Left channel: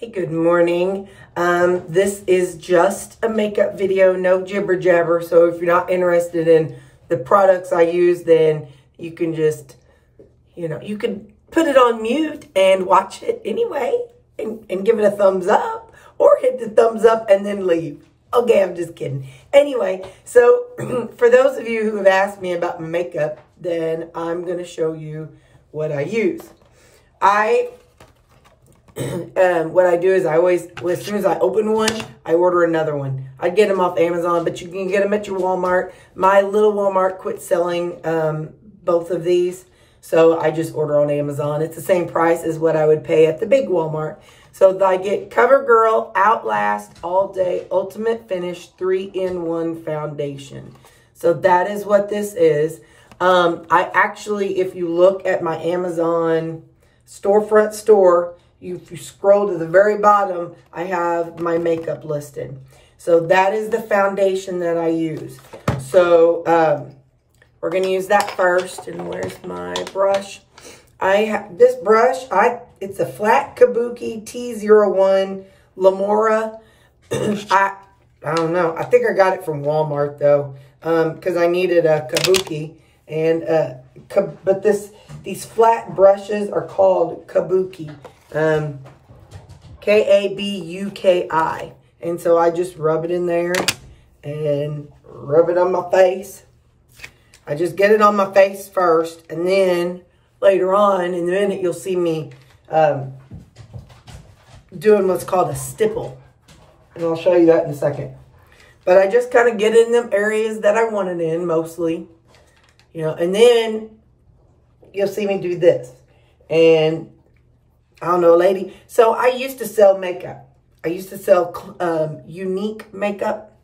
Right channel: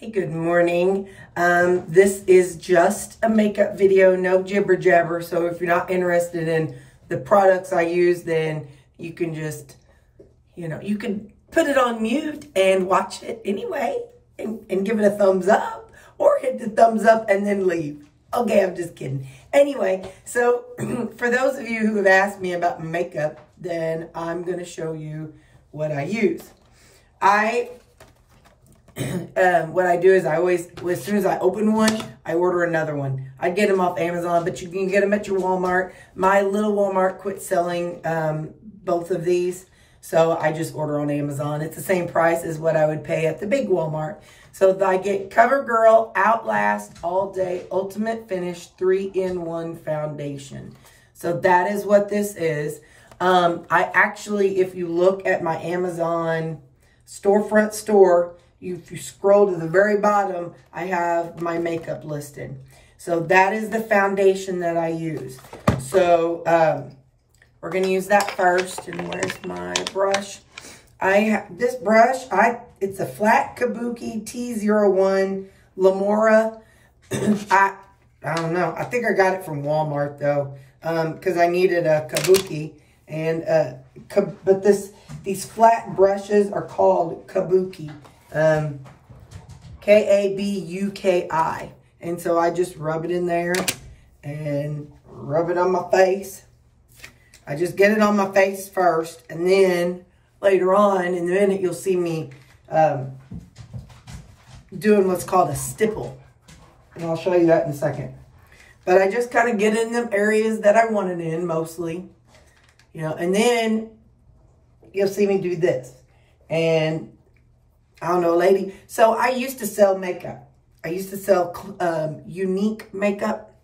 Hey, good morning. This is just a makeup video, no jibber jabber. So if you're not interested in the products I use, then you can just, you can put it on mute and watch it anyway and give it a thumbs up or hit the thumbs up and then leave. Okay, I'm just kidding. Anyway, so for those of you who have asked me about my makeup, then I'm going to show you what I use. What I do is I always, as soon as I open one, I order another one. I get them off Amazon, but you can get them at your Walmart. My little Walmart quit selling both of these, so I just order on Amazon. It's the same price as what I would pay at the big Walmart. So I get CoverGirl Outlast All Day Ultimate Finish 3-in-1 Foundation. So that is what this is. I actually, if you look at my Amazon storefront store, if you scroll to the very bottom, I have my makeup listed. So that is the foundation that I use. So we're going to use that first. And where's my brush? This brush, it's a flat Kabuki T01 Lamora. I don't know. I think I got it from Walmart though, because I needed a Kabuki. And but these flat brushes are called Kabuki. K-A-B-U-K-I. And so I just rub it in there and rub it on my face. I just get it on my face first, and then later on in a minute you'll see me doing what's called a stipple. And I'll show you that in a second. But I just kind of get in them areas that I want it in mostly. And then you'll see me do this. And I don't know, lady. So I used to sell makeup. I used to sell unique makeup.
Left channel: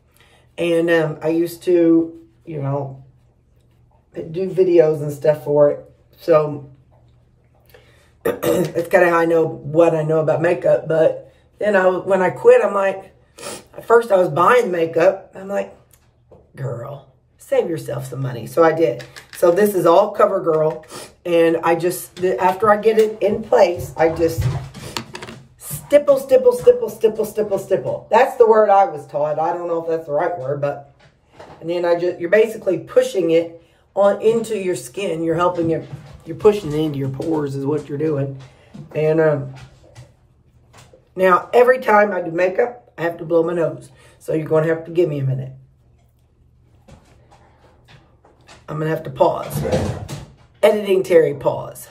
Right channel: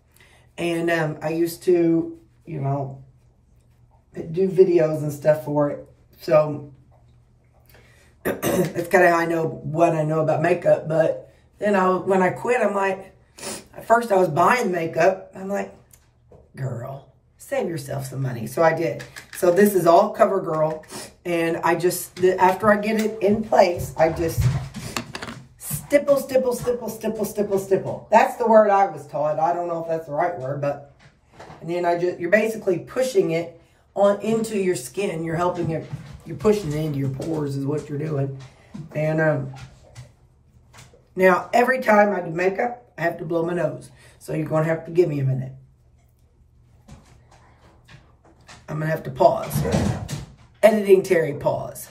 And I used to, do videos and stuff for it. So it's kind of how I know what I know about makeup. But then when I quit, I'm like, at first I was buying makeup. I'm like, girl, save yourself some money. So I did. So this is all CoverGirl. And I just, after I get it in place, I just stipple, stipple, stipple, stipple, stipple, stipple. That's the word I was taught. I don't know if that's the right word, but, and then you're basically pushing it on into your skin. You're helping it, you're pushing it into your pores is what you're doing. And now every time I do makeup, I have to blow my nose. So you're going to have to give me a minute. I'm going to have to pause. Editing Terry, pause.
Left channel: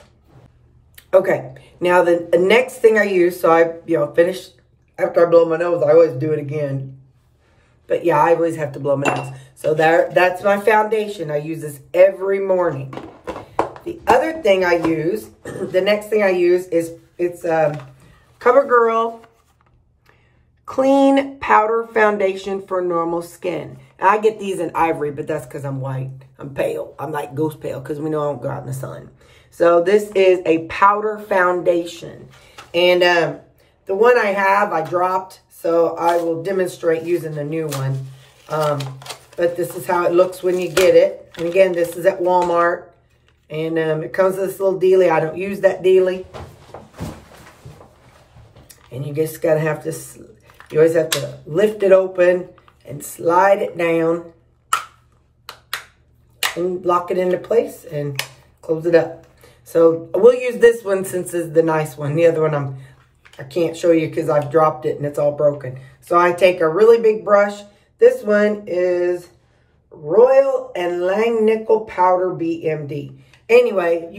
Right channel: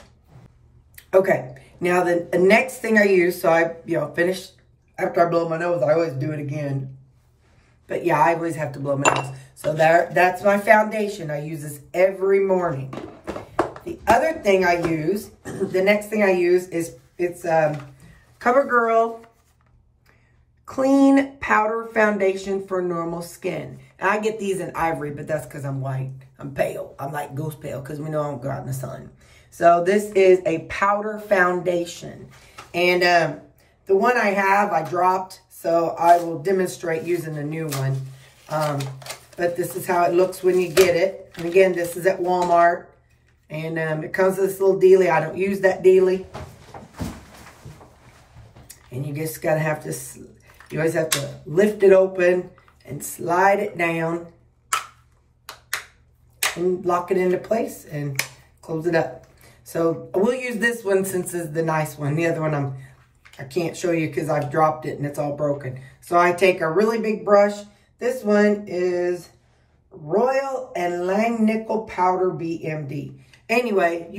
Okay, now the next thing I use, so I, finished, after I blow my nose, I always do it again. But yeah, I always have to blow my nose. So that's my foundation. I use this every morning. The other thing I use, the next thing I use is, it's CoverGirl Clean Powder Foundation for Normal Skin. And I get these in ivory, but that's because I'm white. I'm pale. I'm like ghost pale because we know I don't go out in the sun. So this is a powder foundation. And the one I have, I dropped. So I will demonstrate using the new one. But this is how it looks when you get it. And again, this is at Walmart. And it comes with this little dealie. I don't use that dealie. And you just gotta have to, you always have to lift it open and slide it down and lock it into place and close it up. So we'll use this one since it's the nice one. The other one I can't show you because I've dropped it and it's all broken. So I take a really big brush. This one is Royal and Langnickel Powder BMD. Anyway,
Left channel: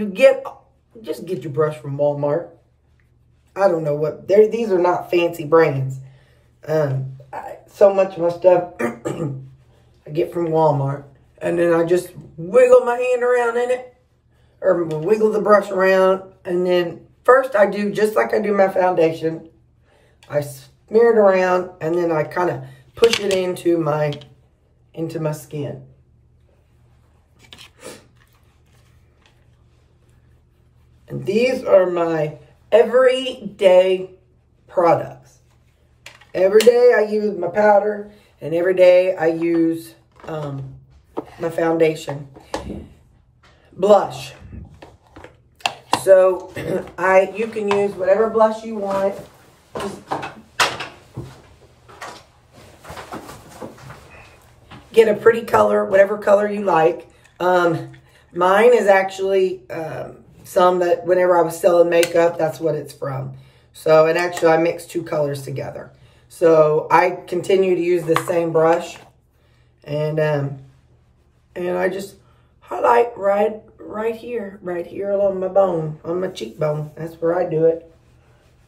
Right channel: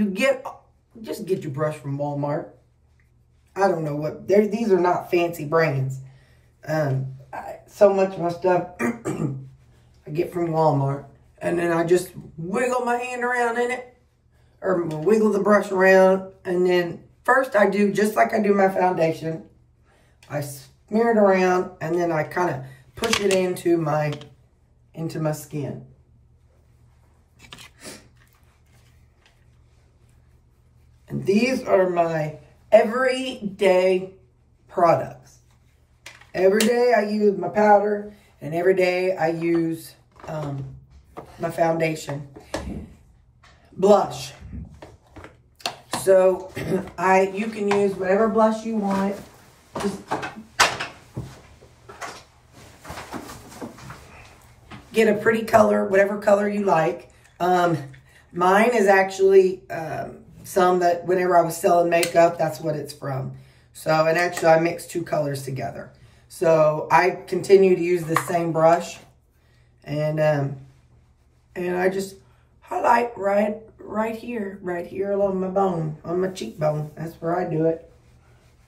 just get your brush from Walmart. I don't know what, these are not fancy brands. So much of my stuff I get from Walmart. And then I just wiggle my hand around in it. Or wiggle the brush around. And then first I do, just like I do my foundation, I smear it around. And then I kind of push it into my skin. And these are my everyday products. Every day I use my powder, and every day I use my foundation. Blush. So you can use whatever blush you want. get a pretty color, whatever color you like. Mine is actually some that whenever I was selling makeup, that's what it's from. So, and actually I mixed 2 colors together. So I continue to use the same brush, and I just highlight right here along my bone, on my cheekbone. That's where I do it.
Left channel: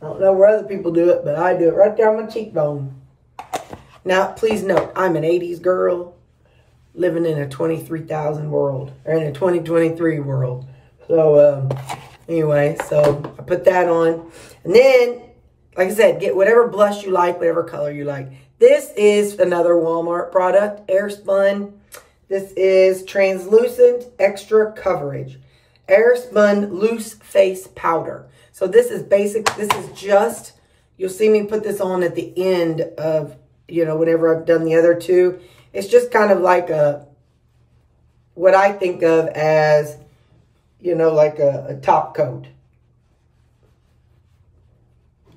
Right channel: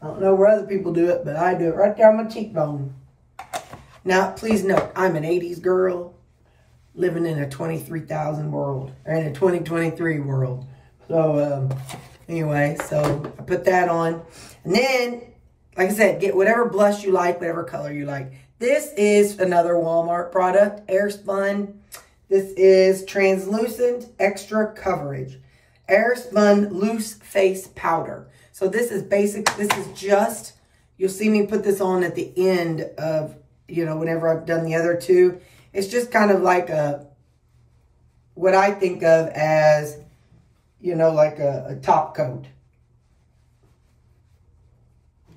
I don't know where other people do it, but I do it right there on my cheekbone. Now, please note, I'm an 80s girl living in a 23,000 world, or in a 2023 world. So, anyway, so I put that on. And then, like I said, get whatever blush you like, whatever color you like. This is another Walmart product, Airspun. This is Translucent Extra Coverage. Airspun Loose Face Powder. So this is basic. This is just, you'll see me put this on at the end of, you know, whenever I've done the other 2. It's just kind of like what I think of as, you know, like a top coat.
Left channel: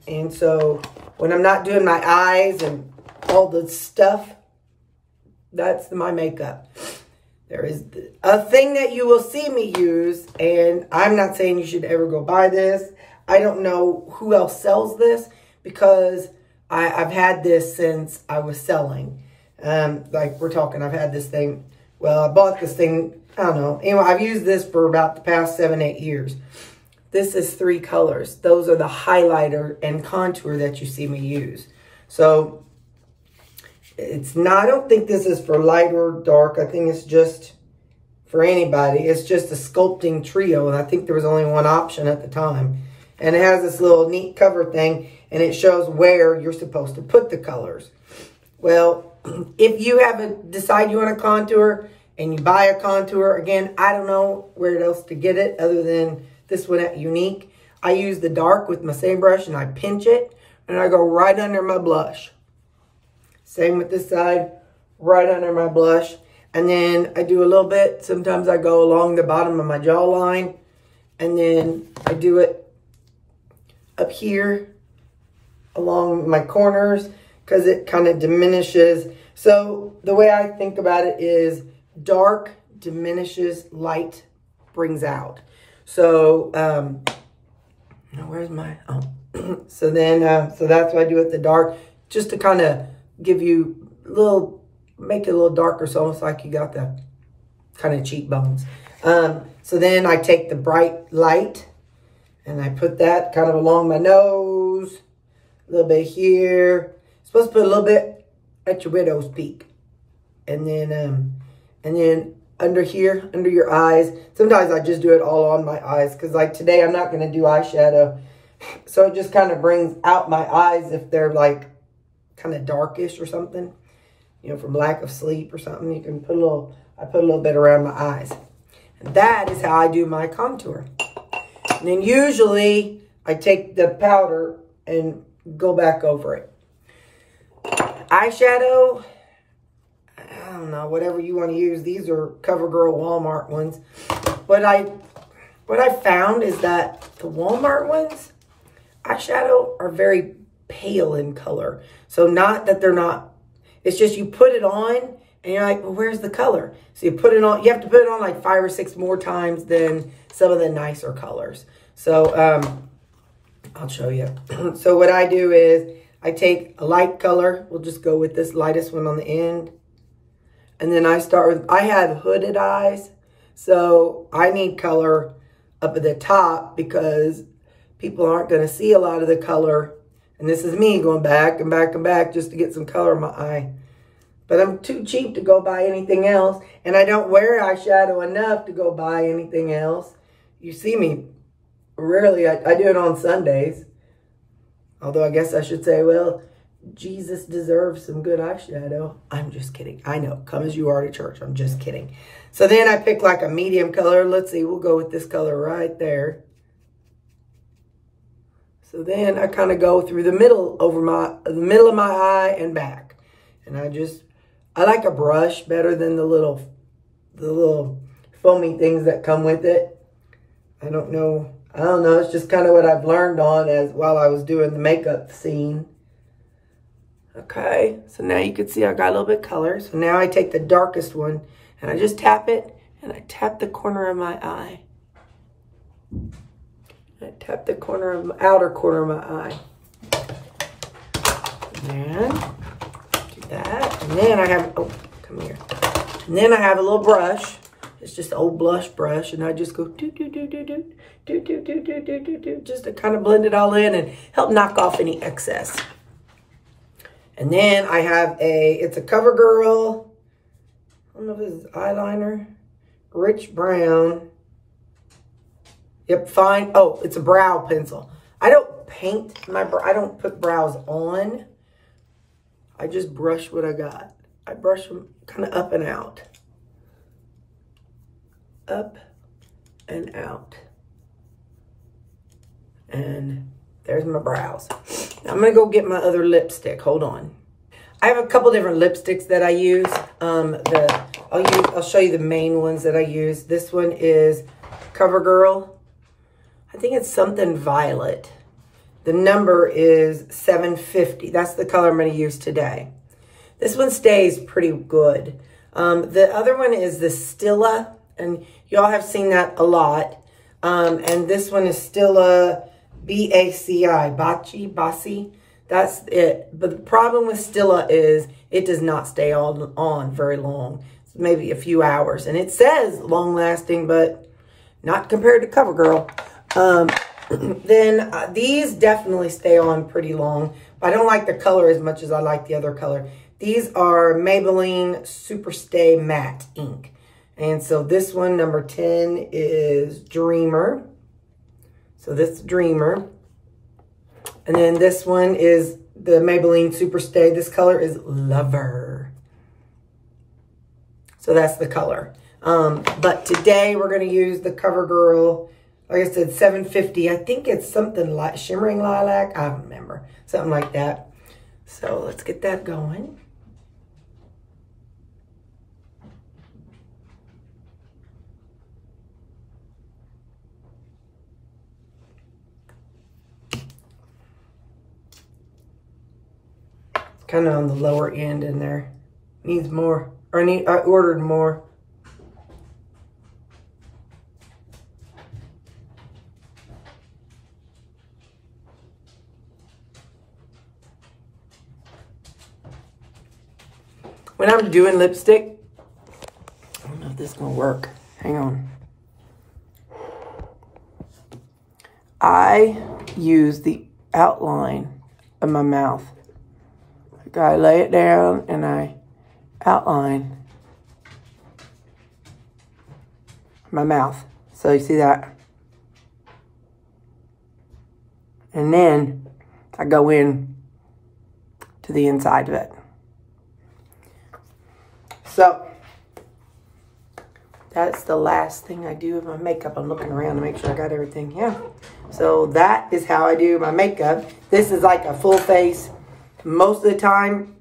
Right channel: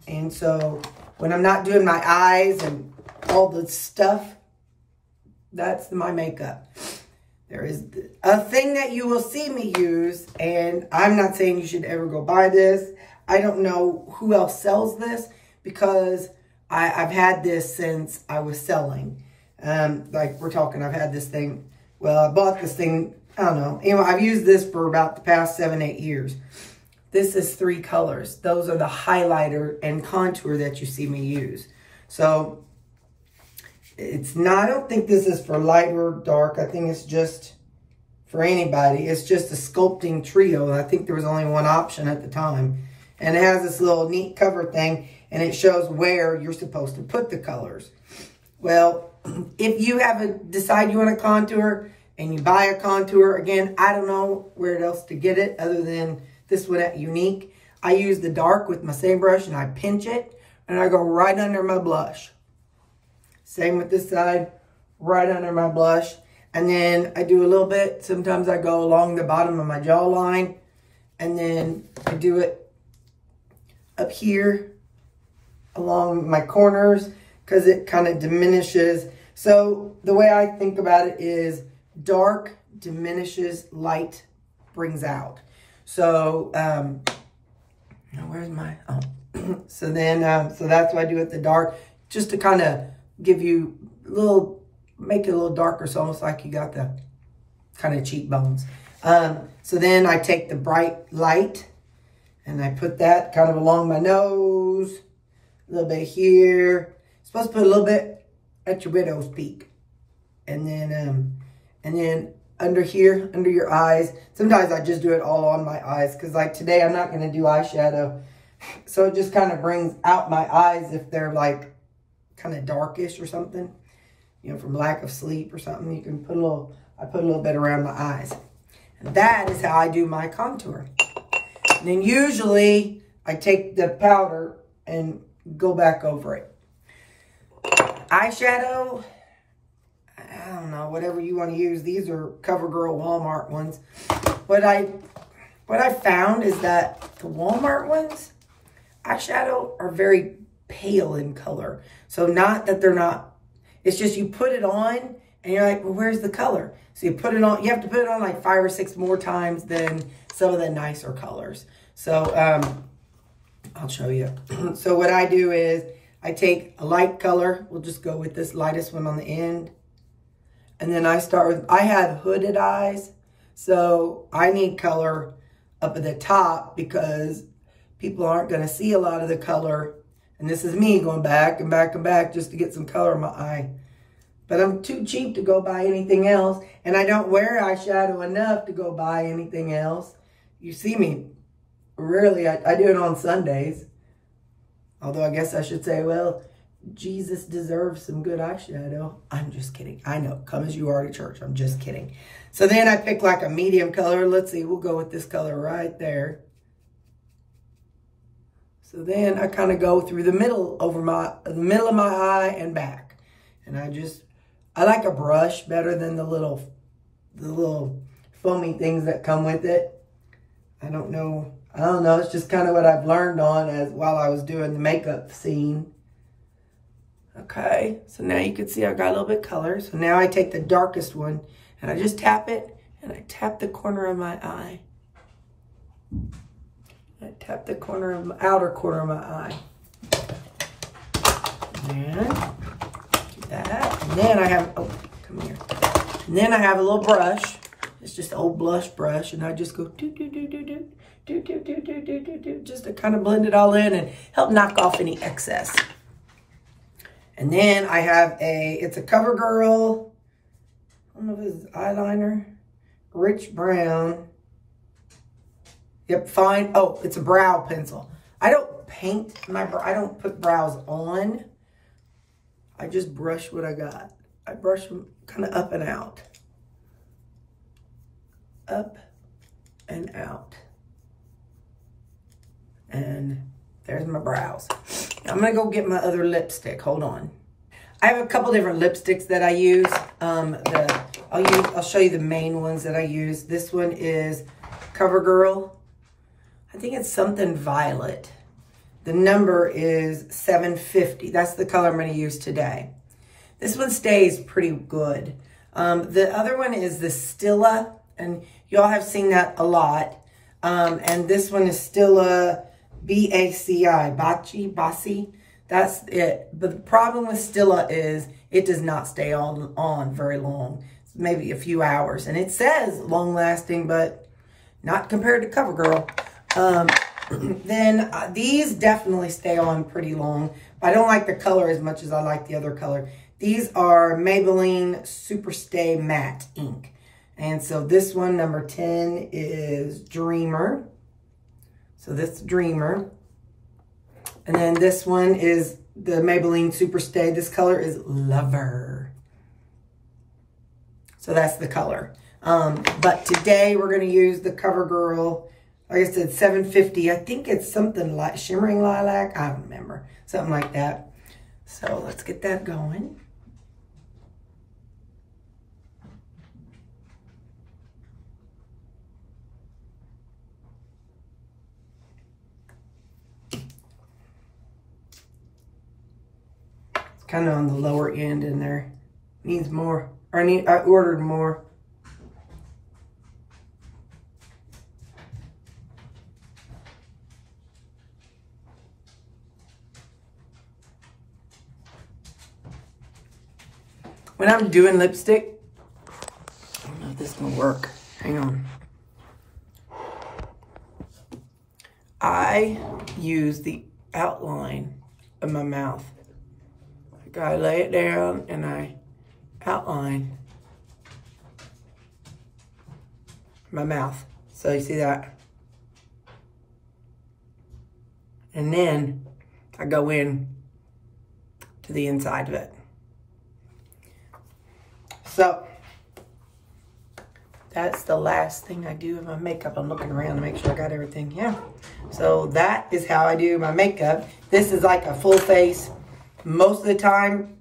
And so when I'm not doing my eyes and all the stuff, that's my makeup. There is a thing that you will see me use, and I'm not saying you should ever go buy this. I don't know who else sells this, because I've had this since I was selling. Like we're talking, I've had this thing. Well, I bought this thing, I don't know. Anyway, I've used this for about the past 7, 8 years. This is 3 colors. Those are the highlighter and contour that you see me use. So it's not, I don't think this is for light or dark. I think it's just for anybody. It's just a sculpting trio. And I think there was only one option at the time. And it has this little neat cover thing, and it shows where you're supposed to put the colors. Well, if you decide you want a contour and you buy a contour, again, I don't know where else to get it other than this one at Younique. I use the dark with my same brush, and I pinch it, and I go right under my blush. Same with this side, right under my blush. And then I do a little bit. Sometimes I go along the bottom of my jawline, and then I do it up here along my corners, because it kind of diminishes. So the way I think about it is dark diminishes, light brings out. So, now where's my, so then, so that's what I do with the dark, just to kind of give you make it a little darker, so almost like you got the kind of cheekbones. So then I take the bright light, and I put that kind of along my nose, a little bit here. Supposed to put a little bit at your widow's peak. And then under here, under your eyes. Sometimes I just do it all on my eyes, because like today I'm not going to do eyeshadow. So it just kind of brings out my eyes if they're like kind of darkish or something. You know, from lack of sleep or something. You can put I put a little bit around my eyes. And that is how I do my contour. And then usually I take the powder and go back over it. Eyeshadow, I don't know, whatever you want to use. These are CoverGirl Walmart ones. What I found is that the Walmart ones, eyeshadow, are very pale in color. So not that they're not, it's just you put it on and you're like, well, where's the color? So you put it on, you have to put it on like 5 or 6 more times than some of the nicer colors. So I'll show you. So what I do is I take a light color. We'll just go with this lightest one on the end. And then I start with, I have hooded eyes. So I need color up at the top because people aren't going to see a lot of the color. And this is me going back and back and back just to get some color in my eye. But I'm too cheap to go buy anything else. And I don't wear eyeshadow enough to go buy anything else. You see me rarely. I do it on Sundays. Although I guess I should say, well, Jesus deserves some good eyeshadow. I'm just kidding. I know. Come as you are to church. I'm just kidding. So then I pick like a medium color. Let's see. We'll go with this color right there. So then I kind of go through the middle of my eye and back. And I like a brush better than the little foamy things that come with it. I don't know. I don't know. It's just kind of what I've learned on while I was doing the makeup scene. Okay, so now you can see I got a little bit of color. So now I take the darkest one and I just tap it and I tap the corner of my eye. I tap the outer corner of my eye. And do that. And then I have, oh, come here. And then I have a little brush. It's just an old blush brush. And I just go do, do, do, do, do, do, do, do, do, do, do, do, just to kind of blend it all in and help knock off any excess. And then I have it's a CoverGirl, I don't know if this is eyeliner, Rich Brown. Yep, fine. Oh, it's a brow pencil. I don't paint I don't put brows on. I just brush what I got. I brush them kind of up and out. Up and out. And there's my brows. Now I'm gonna go get my other lipstick. Hold on. I have a couple different lipsticks that I use. I'll show you the main ones that I use. This one is CoverGirl. I think it's something violet. The number is 750. That's the color I'm gonna use today. This one stays pretty good. The other one is the Stila, and y'all have seen that a lot. And this one is Stila B-A-C-I, Basi. That's it. But the problem with Stila is it does not stay on very long. Maybe a few hours. And it says long lasting, but not compared to CoverGirl. Then these definitely stay on pretty long. But I don't like the color as much as I like the other color. These are Maybelline Superstay Matte Ink. And so this one, number 10, is Dreamer. So this Dreamer. And then this one is the Maybelline Superstay. This color is Lover. So that's the color. But today we're going to use the CoverGirl. Like I said, 750. I think it's something like Shimmering Lilac. I don't remember. Something like that. So let's get that going. Kind of on the lower end in there. Needs more. Or I ordered more. When I'm doing lipstick, I don't know if this is gonna work. Hang on. I use the outline of my mouth. I lay it down and I outline my mouth. So you see that? And then I go in to the inside of it. So that's the last thing I do with my makeup. I'm looking around to make sure I got everything. Yeah. So that is how I do my makeup. This is like a full face. Most of the time,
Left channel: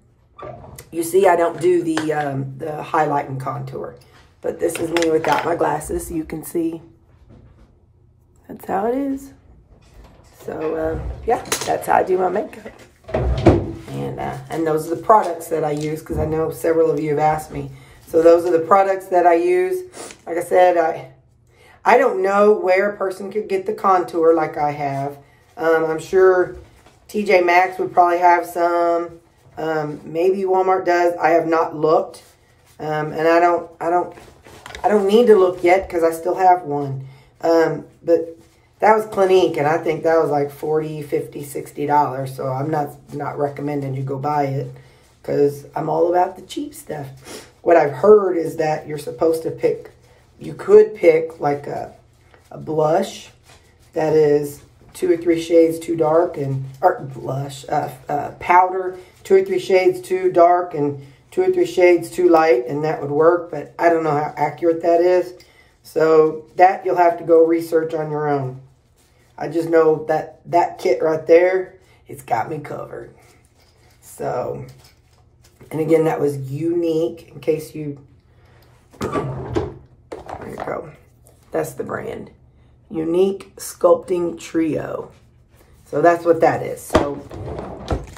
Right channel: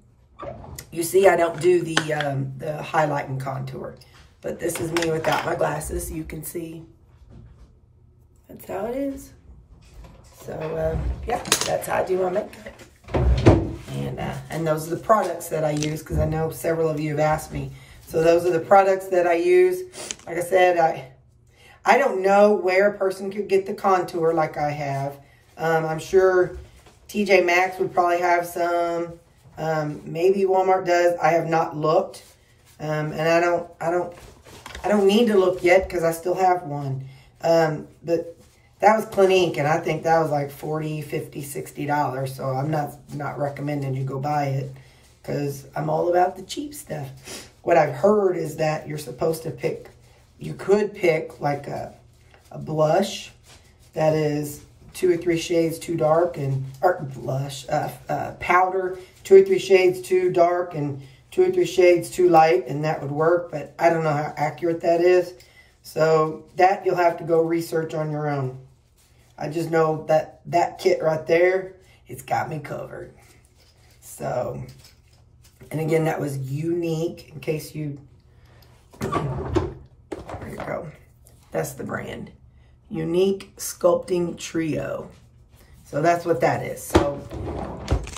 you see I don't do the highlight and contour. But this is me without my glasses. You can see that's how it is. So, yeah, that's how I do my makeup. And those are the products that I use because I know several of you have asked me. So those are the products that I use. Like I said, I don't know where a person could get the contour like I have. I'm sure TJ Maxx would probably have some. Maybe Walmart does. I have not looked. And I don't need to look yet because I still have one. But that was Clinique, and I think that was like $40, $50, $60. So I'm not recommending you go buy it because I'm all about the cheap stuff. What I've heard is that you're supposed to pick, you could pick like a blush that is 2 or 3 shades too dark, or blush, powder, 2 or 3 shades too dark and 2 or 3 shades too light, and that would work, but I don't know how accurate that is. So that you'll have to go research on your own. I just know that that kit right there, it's got me covered. So, and again, that was Younique, in case you, there you go. That's the brand, Unique Sculpting Trio. So that's what that is. So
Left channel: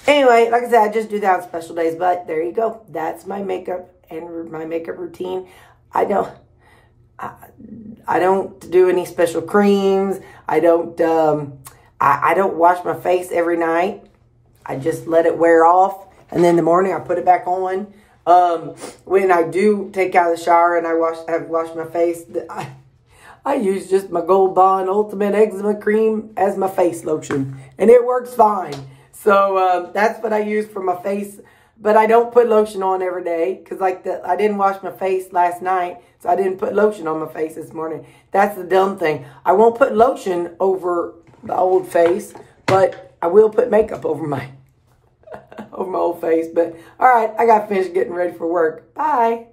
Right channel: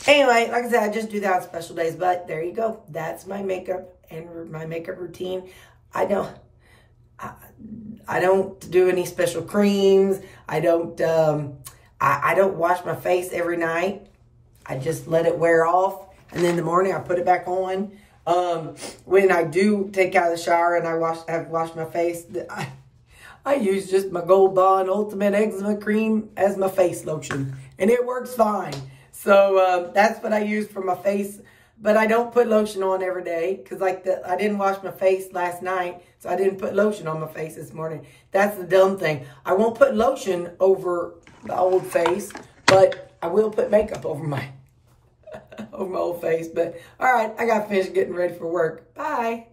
anyway, like I said, I just do that on special days. But there you go. That's my makeup and my makeup routine. I don't do any special creams. I don't wash my face every night. I just let it wear off. And then in the morning, I put it back on. When I do take out of the shower and I wash my face, I use just my Gold Bond Ultimate Eczema Cream as my face lotion. And it works fine. So that's what I use for my face. But I don't put lotion on every day. Because I didn't wash my face last night. So I didn't put lotion on my face this morning. That's the dumb thing. I won't put lotion over the old face. But I will put makeup over my old face. But all right, I got to finish getting ready for work. Bye.